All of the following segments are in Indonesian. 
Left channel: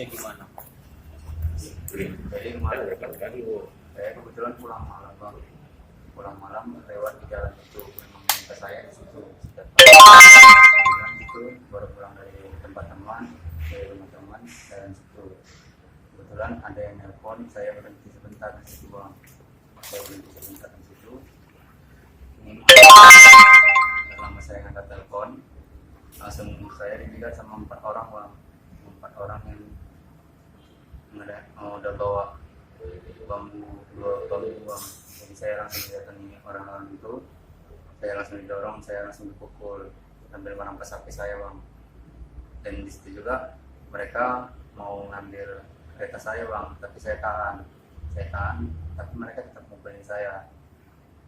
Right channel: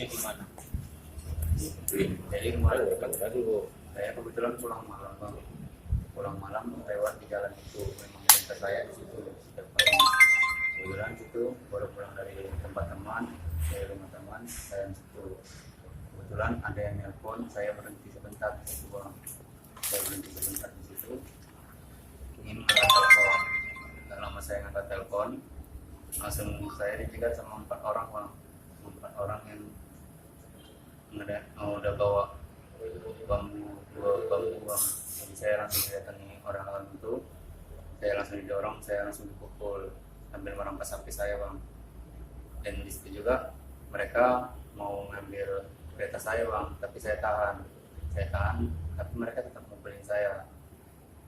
kronologisnya gimana? Jadi kemarin saya kebetulan pulang malam bang, pulang malam lewat di jalan itu, memang minta saya di situ setiap bulan itu baru pulang dari tempat teman, dari rumah teman, saya di situ. Kebetulan ada yang nelpon, saya berhenti sebentar di situ bang, saya berhenti sebentar di situ. Ingin nggak lama saya ngangkat telepon, langsung saya dijegat sama 4 orang bang, 4 orang yang udah bawa dua bambu bang. Jadi saya langsung didatangi orang-orang itu, saya langsung didorong, saya langsung dipukul sambil merampas HP saya bang. Dan di situ juga mereka mau ngambil kereta saya bang, tapi saya tahan, tapi mereka tetap mukulin saya.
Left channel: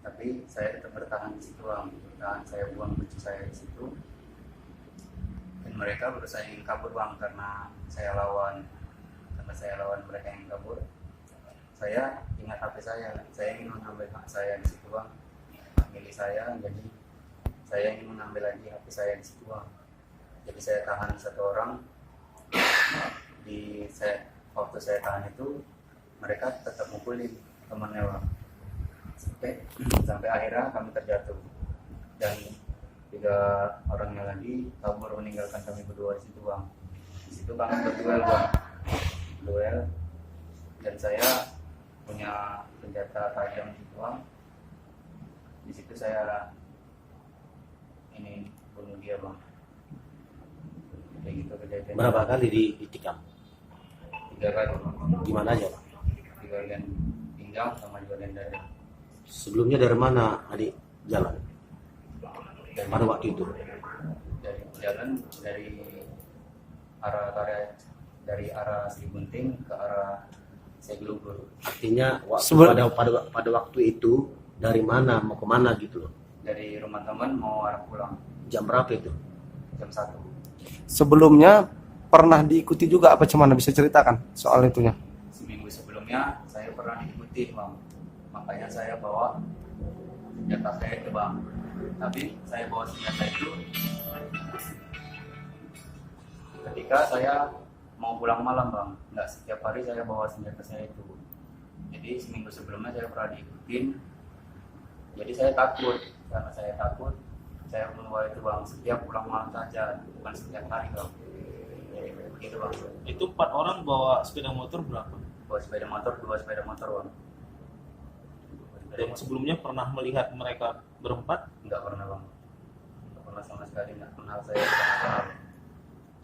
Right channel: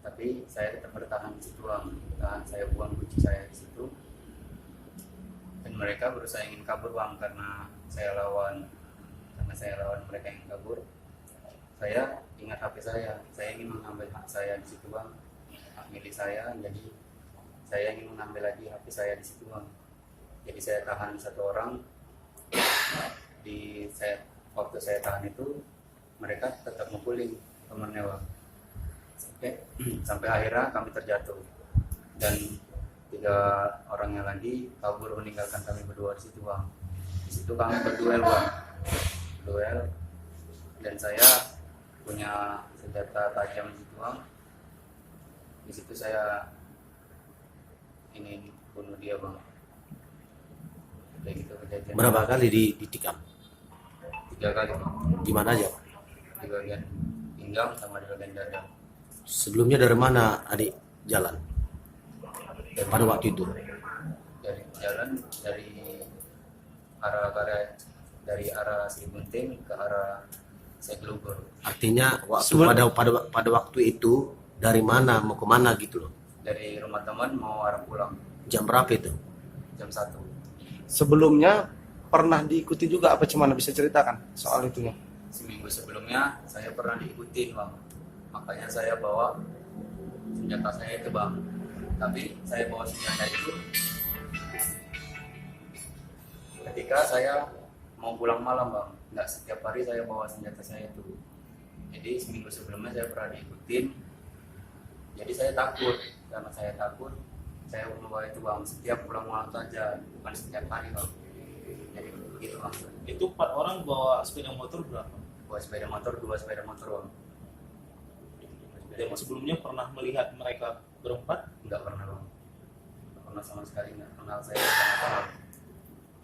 Tapi saya tetap bertahan di situ bang, saya buang kunci saya di situ. Dan mereka berusaha ingin kabur bang, karena saya lawan mereka yang kabur. Saya ingat HP saya ingin mengambil hak saya di situ bang, hak milik saya. Jadi saya ingin mengambil lagi HP saya di situ bang. Jadi saya tahan 1 orang. Waktu saya tahan itu mereka tetap mukulin temannya bang, sampai akhirnya kami terjatuh dan 3 orangnya lagi kabur meninggalkan kami berdua di situ bang. Di situ kami berduel bang, dan saya punya senjata tajam di situ bang. Di situ saya ini bunuh dia bang. Kayak gitu kejadian. Berapa kali ditikam? 3 kali bang. Gimana aja, Pak? Di bagian pinggang sama di bagian dada. Sebelumnya dari mana adik jalan pada waktu itu? Dari jalan dari arah Sri Gunting ke arah Segelugur. Artinya pada waktu itu dari mana mau kemana gitu loh? Dari rumah teman mau arah pulang. Jam berapa itu? Jam 1. Sebelumnya pernah diikuti juga apa, cuman bisa ceritakan soal itunya? Seminggu sebelumnya saya pernah diikuti bang, makanya saya bawa senjata saya itu bang. Tapi saya bawa senjata itu ketika saya mau pulang malam bang, nggak setiap hari saya bawa senjata saya itu. Jadi seminggu sebelumnya saya pernah diikutin, jadi saya takut. Karena saya takut, saya membawa itu bang setiap pulang malam saja, bukan setiap hari bang. Jadi begitu bang. Itu 4 orang bawa sepeda motor berapa? Bawa sepeda motor, 2 sepeda motor bang. Dan sebelumnya pernah melihat mereka berempat? Enggak pernah bang, enggak pernah sama sekali, enggak kenal saya sama kenal.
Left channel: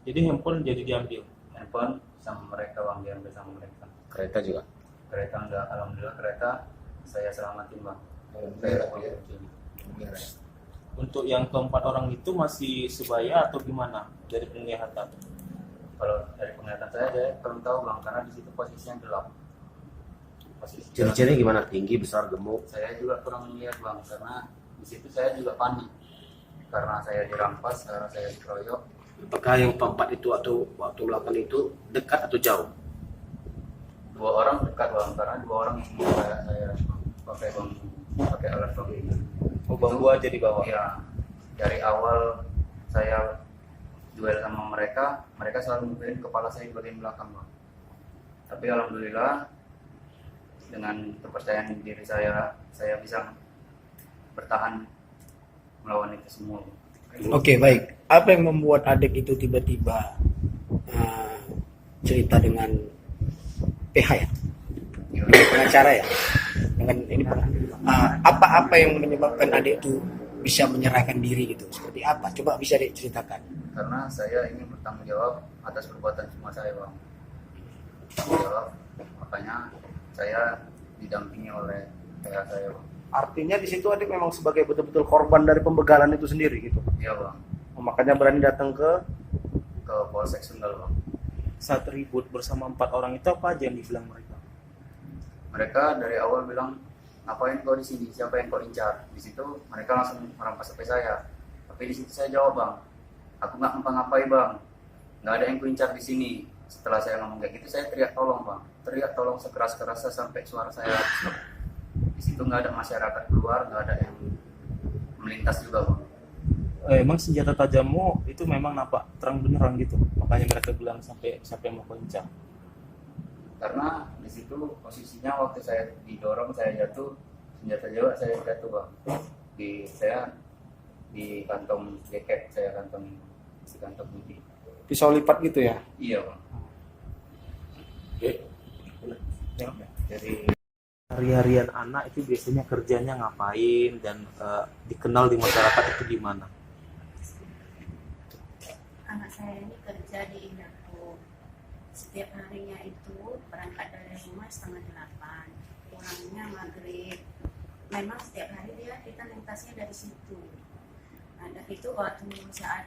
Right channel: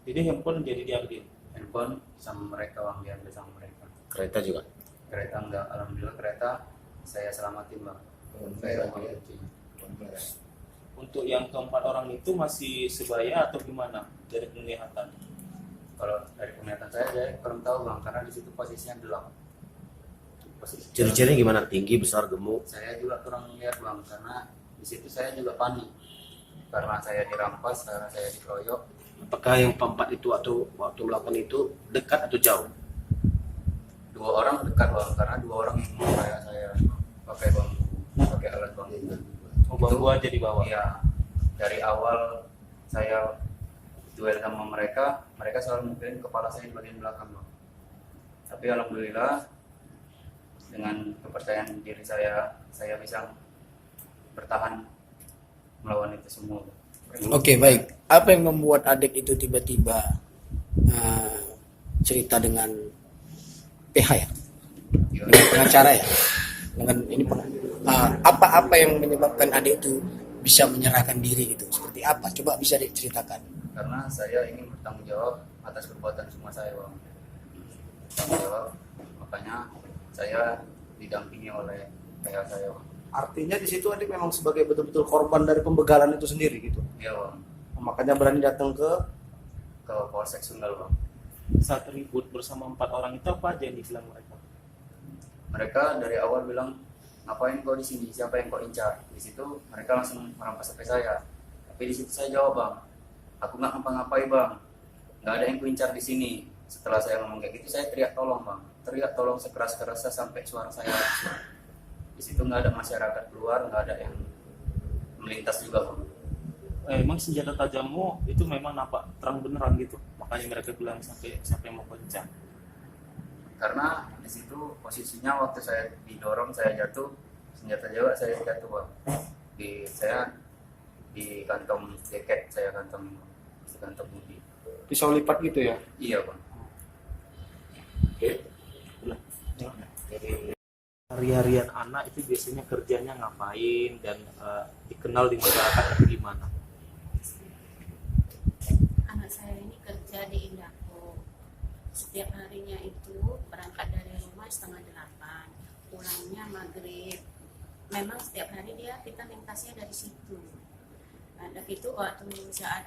Jadi handphone jadi diambil? Handphone sama mereka bang, diambil sama mereka. Kereta juga? Kereta enggak, alhamdulillah kereta saya selamatin bang. Saya Untuk yang ke-4 orang itu masih sebaya atau gimana dari penglihatan? Kalau dari penglihatan saya kurang tahu bang, karena di situ posisinya gelap. Ciri-cirinya gimana? Tinggi, besar, gemuk? Saya juga kurang lihat bang, karena di situ saya juga panik. Karena saya dirampas, karena saya dikeroyok. Apakah yang keempat itu atau waktu melakukan itu dekat atau jauh? 2 orang dekat bang, karena 2 orang yang kayak saya pakai bambu, pakai alat bambu. Bambu aja di bawah? Iya, dari awal saya duel sama mereka selalu mukulin kepala saya di bagian belakang bang. Tapi alhamdulillah dengan kepercayaan diri saya bisa bertahan melawan itu semua bang. Oke, baik. Apa yang membuat adik itu tiba-tiba cerita dengan PH ya? Dengan pengacara ya? Dengan ini apa yang menyebabkan adik itu bisa menyerahkan diri gitu? Seperti apa? Coba bisa diceritakan. Karena saya ingin bertanggung jawab atas perbuatan semua saya bang. Bertanggung jawab, makanya saya didampingi oleh ayah saya bang. Artinya di situ adik memang sebagai betul-betul korban dari pembegalan itu sendiri gitu. Iya bang. Makanya berani datang ke Polsek Sunggal bang. Saat ribut bersama 4 orang itu apa aja yang dibilang mereka? Mereka dari awal bilang, ngapain kau di sini? Siapa yang kau incar? Di situ mereka langsung merampas HP saya. Tapi di situ saya jawab bang, aku nggak ngapa-ngapain bang, nggak ada yang kuincar di sini. Setelah saya ngomong kayak gitu, saya teriak tolong bang, teriak tolong sekeras-kerasnya sampai suara saya. Di situ nggak ada masyarakat keluar, nggak ada yang melintas juga bang. emang senjata tajammu itu memang nampak terang benerang gitu, makanya mereka bilang sampai mau kencang. Karena di situ posisinya waktu saya didorong saya jatuh, senjata juga saya jatuh bang. Di kantong jaket saya, di kantong budi. Pisau lipat gitu ya? Iya bang. Dari hari-harian anak itu biasanya kerjanya ngapain dan dikenal di masyarakat itu gimana? Anak saya ini kerja di Indaco. Setiap harinya itu berangkat dari rumah 7:30, pulangnya maghrib. Memang setiap hari kita lintasnya dari situ. Nah, dari itu waktu saat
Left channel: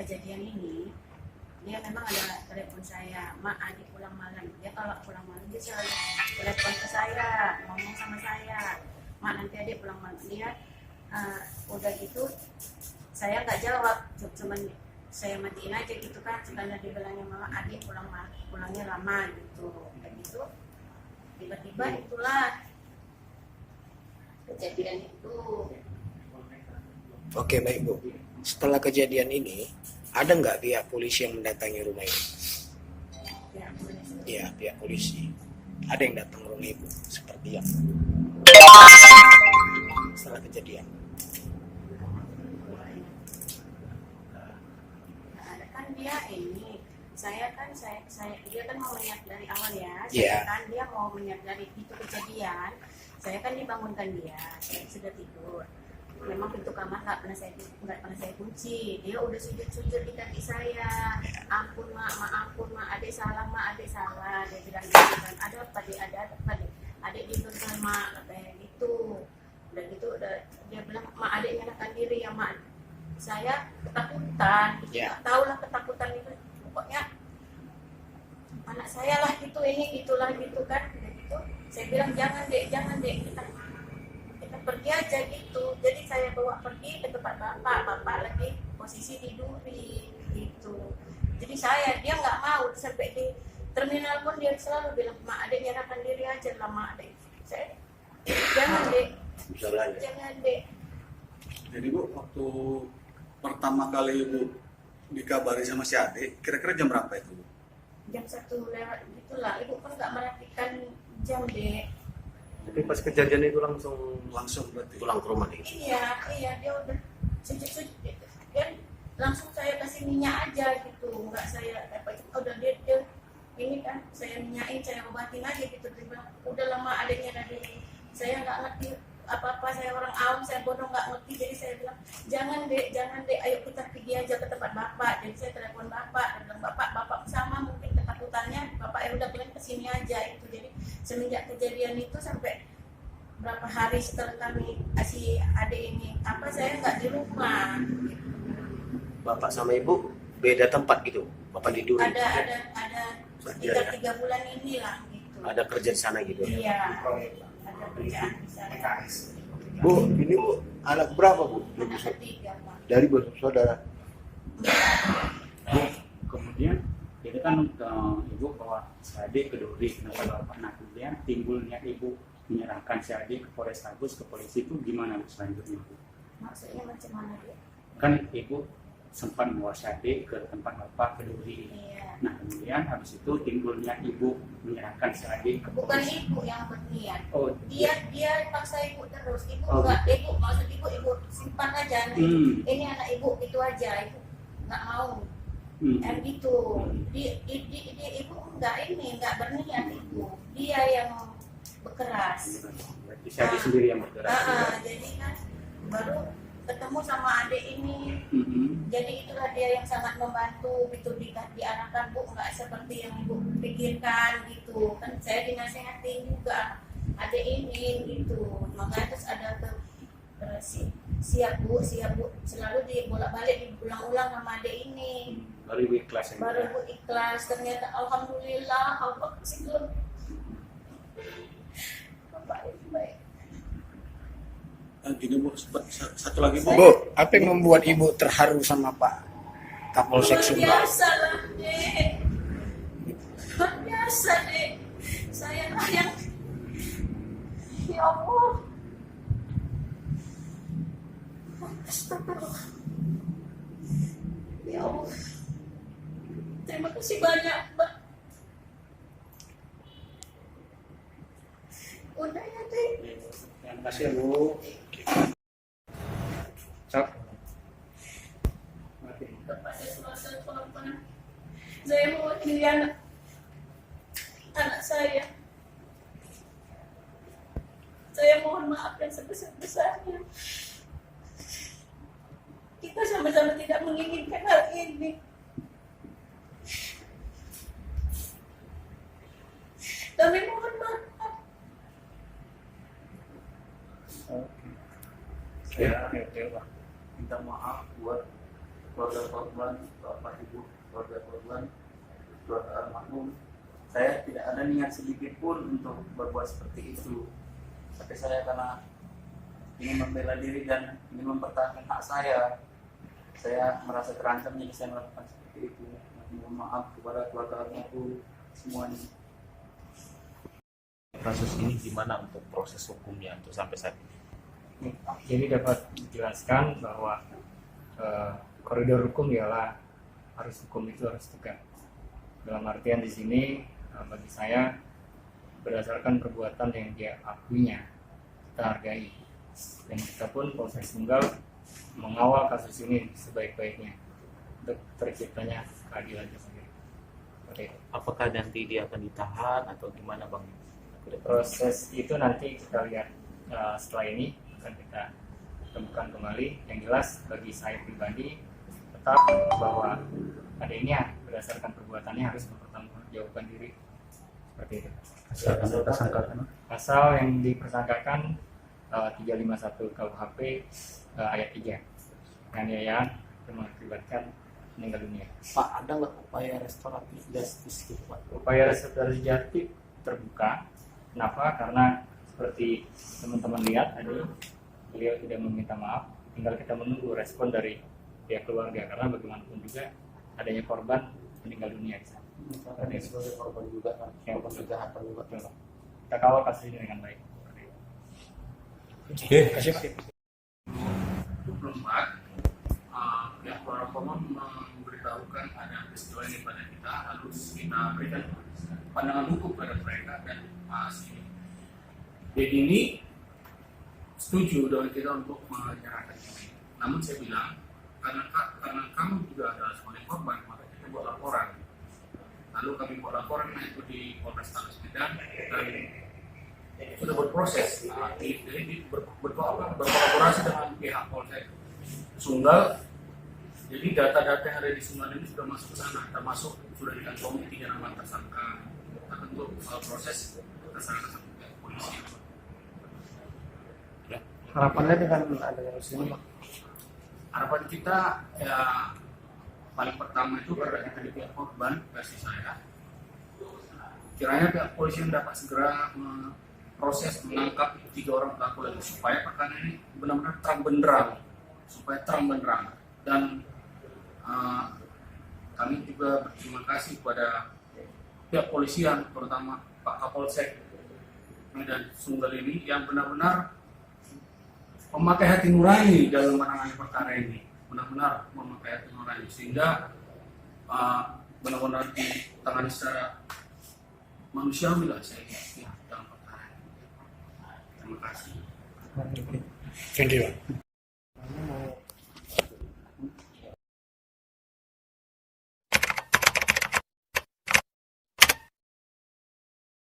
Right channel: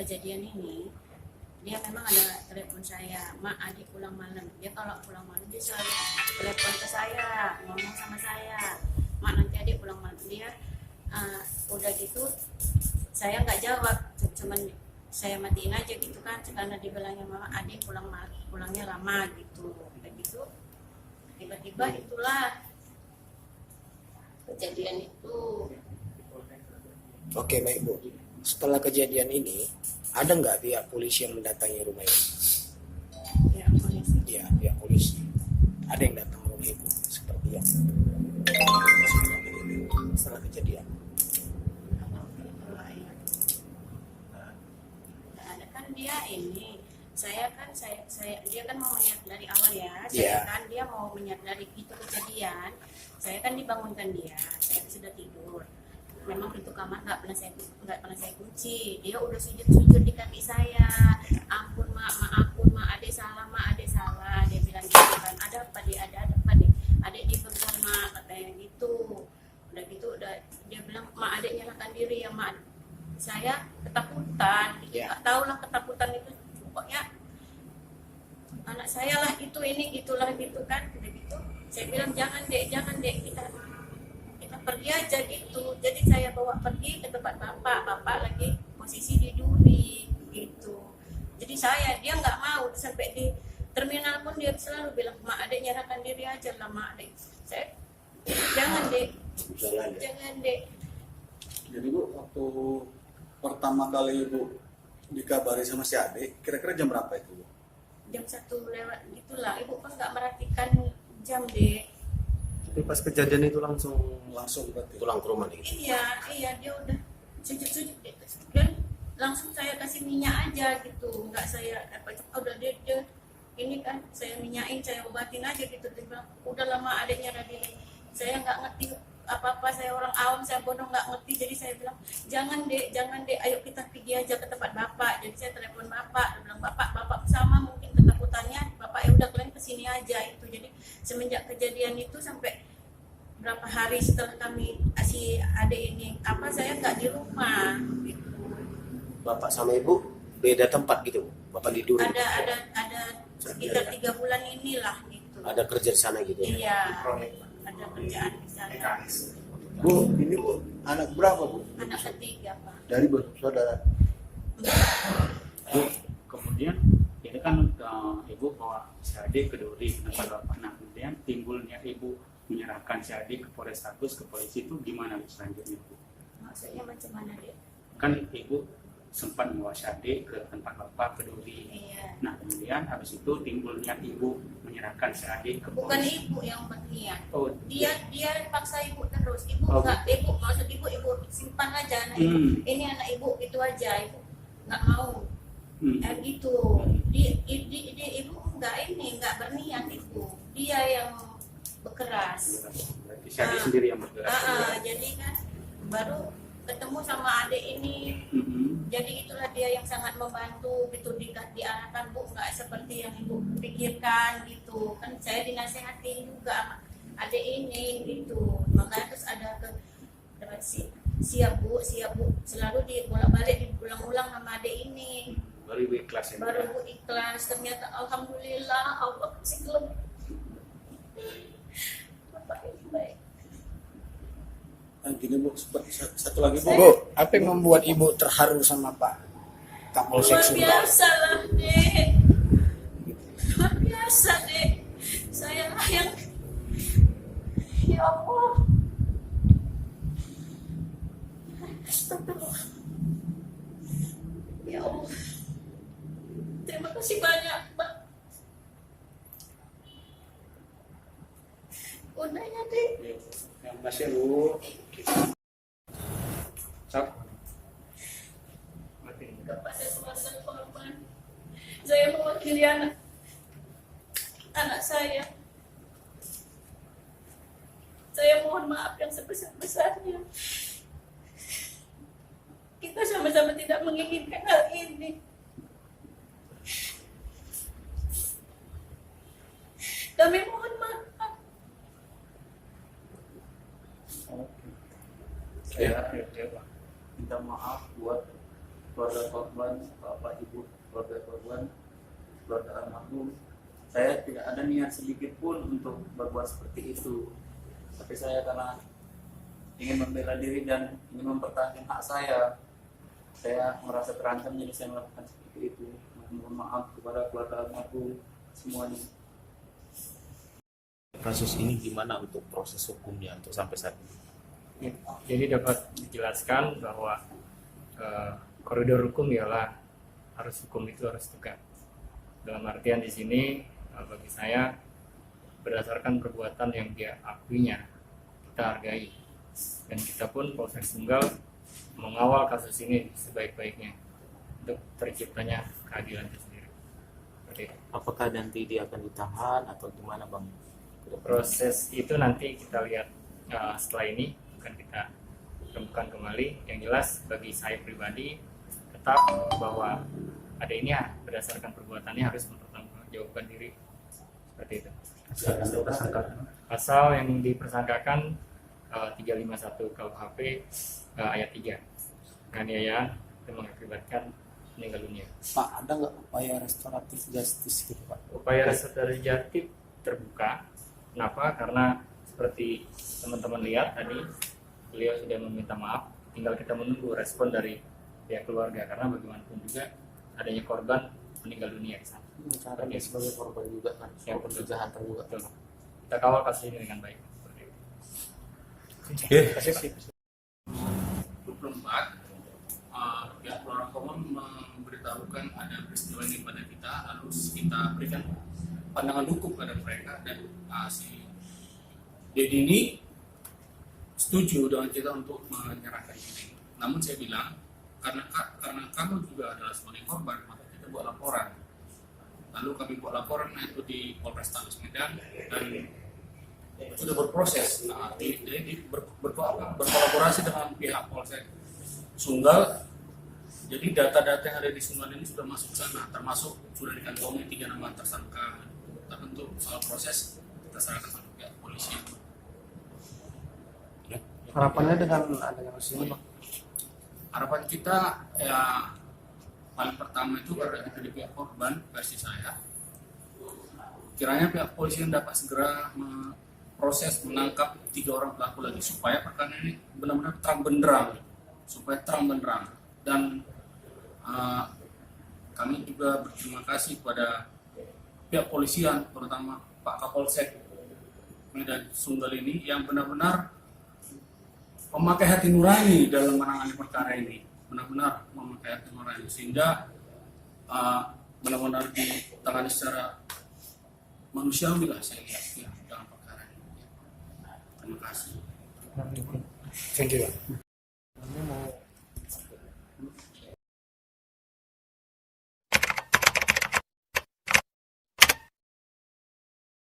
kejadian ini, dia memang ada telepon saya, "Mak, adik pulang malam." Dia kalau pulang malam dia selalu telepon ke saya, ngomong sama saya, "Mak, nanti adik pulang malam." Dia udah gitu saya nggak jawab, cuman saya matiin aja gitu kan, karena dibilangnya mama adik pulangnya lama gitu, kayak gitu. Tiba-tiba itulah kejadian itu. Oke, baik Bu. Setelah kejadian ini, ada nggak pihak polisi yang mendatangi rumah ini? Ya, polisi. Iya, pihak polisi. Ada yang datang ke rumah Ibu seperti yang setelah kejadian. Ada kan dia ini, saya dia kan mau menyadari dari awal ya. Iya. Saya kan dia mau menyadari itu kejadian. Saya kan dibangunkan dia, saya sudah tidur. Memang pintu kamar nggak pernah saya kunci. Dia udah sujud di kaki saya. "Ampun mak, maafun mak, adik salah mak, adik salah." Dia bilang gitu kan. "Ada apa dek? Ada apa dek? Adik dibegal mak," katanya gitu. Udah gitu dia bilang, "Mak, adik nyalakan diri ya mak." Saya ketakutan. Ya. Nggak tahu lah ketakutan itu. Pokoknya anak saya lah itu ini gitulah gitu kan. Udah gitu saya bilang, jangan dek, kita pergi aja gitu. Jadi saya bawa pergi ke tempat bapak lagi posisi di duri gitu. Jadi dia nggak mau, sampai di terminal pun dia selalu bilang, "Mak, adik nyerahkan diri aja lah mak, adik." Saya jangan dek, jangan dek. Jadi Bu, waktu pertama kali Ibu dikabari sama si adik, kira-kira jam berapa itu Bu? Jam 1 lewat gitulah. Ibu kan nggak merhatikan jam dek. Tapi pas kejadian itu langsung Langsung berarti. pulang ke rumah nih. Iya dia udah sujud gitu. Dan langsung saya kasih minyak aja gitu, nggak saya dapat. Udah dia ini kan saya minyakin, saya obatin aja gitu. Dia bilang, "Udah lama adiknya dari saya nggak ngerti apa-apa, saya orang awam, saya bodoh nggak ngerti." Jadi saya bilang, jangan dek, ayo kita pergi aja ke tempat bapak." Jadi saya telepon bapak, dia bilang, bapak sama mungkin ketakutannya, bapak udah kalian kesini aja itu. Jadi semenjak kejadian itu sampai berapa hari setelah kami si adik ini saya nggak di rumah gitu. Bapak sama Ibu beda tempat gitu. Bapak di Duri. Ada sekitar 3 bulan inilah gitu. Ada kerja di sana gitu. Iya, ada kerjaan di sana. Bu, ini Bu, anak berapa Bu? Anak ketiga Pak. Dari bersaudara. Kemudian itu kan ibu bawa si adik ke Duri, kenapa bapak? Nah kemudian timbulnya ibu menyerahkan si adik ke Polrestabes, ke polisi, itu gimana Bu selanjutnya Bu? Maksudnya macam mana dia? Kan ibu sempat membawa si adik ke tempat bapak ke Duri. Iya. Nah kemudian habis itu timbulnya ibu menyerahkan si adik ke Bukan polisi. ibu yang berniat. Oh Dia paksa ibu terus. Ibu Oh, enggak, maksud ibu simpan aja anak ibu. Ini anak ibu gitu aja, ibu nggak mau. Dan gitu. Ibu enggak berniat ibu. Dia yang bekeras. Jadi si adik sendiri yang bergerak. Jadi kan baru ketemu sama adik ini. Jadi itulah dia yang sangat membantu gitu, diarahkan Bu, nggak seperti yang ibu pikirkan gitu kan. Saya dinasehatin juga adik ini gitu, makanya terus ada siap bu, selalu dibolak-balik diulang-ulang sama adik ini. Baru ibu ikhlas ya. Baru ibu ikhlas, ternyata alhamdulillah Allah kasih kelem. Baik. Gini Bu, satu lagi Bu. Bu, apa yang membuat Ibu terharu sama Pak Kapolsek Luar Sumbar? biasa lah dek, luar biasa dek. Saya lah yang, ya Allah, astagfirullah. Makasih banyak, Mbak. Udah ya, Dek. Terima kasih Bu. Cok. Oke. Kepada keluarga korban, saya mewakili anak saya. Saya mohon maaf yang sebesar-besarnya. Kita sama-sama tidak menginginkan hal ini. Kami mohon maaf. Saya minta maaf buat keluarga korban, bapak ibu keluarga korban, keluarga almarhum. Saya tidak ada niat sedikit pun untuk berbuat seperti itu, tapi saya karena ingin membela diri dan ingin mempertahankan hak saya merasa terancam jadi saya melakukan seperti itu. Mohon maaf kepada keluarga almarhum semuanya. Kasus ini gimana untuk proses hukumnya untuk sampai saat ini? Ya, jadi dapat dijelaskan bahwa koridor hukum ialah hukum itu harus tegak. Dalam artian di sini bagi saya berdasarkan perbuatan yang dia akuinya kita hargai, dan kita pun Polsek Sunggal mengawal kasus ini sebaik-baiknya untuk terciptanya keadilan itu sendiri. Oke. Apakah nanti dia akan ditahan atau gimana Bang? Proses itu nanti kita lihat setelah ini akan kita temukan kembali. Yang jelas bagi saya pribadi tetap bahwa adanya berdasarkan perbuatannya harus mempertanggungjawabkan diri, seperti itu. Pasal yang dipersangkakan 351 KUHP ayat 3, penganiayaan yang mengakibatkan meninggal dunia. Pak, ada nggak upaya restoratif justice gitu Pak? Upaya restoratif justice terbuka. Kenapa? Karena seperti teman-teman lihat tadi, beliau sudah meminta maaf. Tinggal kita menunggu respon dari pihak keluarga, karena bagaimanapun juga adanya korban meninggal dunia di sana. Karena dia sebagai korban juga kan, yang kejahatan juga. Betul. Kita kawal kasus ini dengan baik. Seperti itu. 24 pihak keluarga korban memberitahukan ada peristiwa ini pada kita, harus kita berikan pandangan hukum pada mereka, dan si Dedi ini setuju dengan kita untuk menyerahkan ini. Namun saya bilang karena kamu juga adalah sebagai korban, maka kita buat laporan. Lalu kami buat laporan itu di Polrestabes Medan dan sudah berproses. Jadi berkolaborasi dengan pihak Polsek Sunggal. Jadi data-data yang ada di Sunggal ini sudah masuk ke sana, termasuk sudah dikantongi 3 nama tersangka. Kita bentuk proses kita serahkan sama pihak polisi. Harapannya dengan adanya kasus ini, Pak? Harapan kita ya paling pertama itu karena kita di pihak korban, versi saya, kiranya pihak polisi yang dapat segera proses menangkap 3 orang pelaku lagi supaya perkara ini benar-benar terang benderang, dan kami juga berterima kasih kepada pihak polisian, terutama Pak Kapolsek Medan Sunggal ini yang benar-benar memakai hati nurani dalam menangani perkara ini, benar-benar memakai hati nurani sehingga benar-benar ditangani secara manusiawi lah saya lihat ya dalam perkara ini. Terima kasih. Thank you.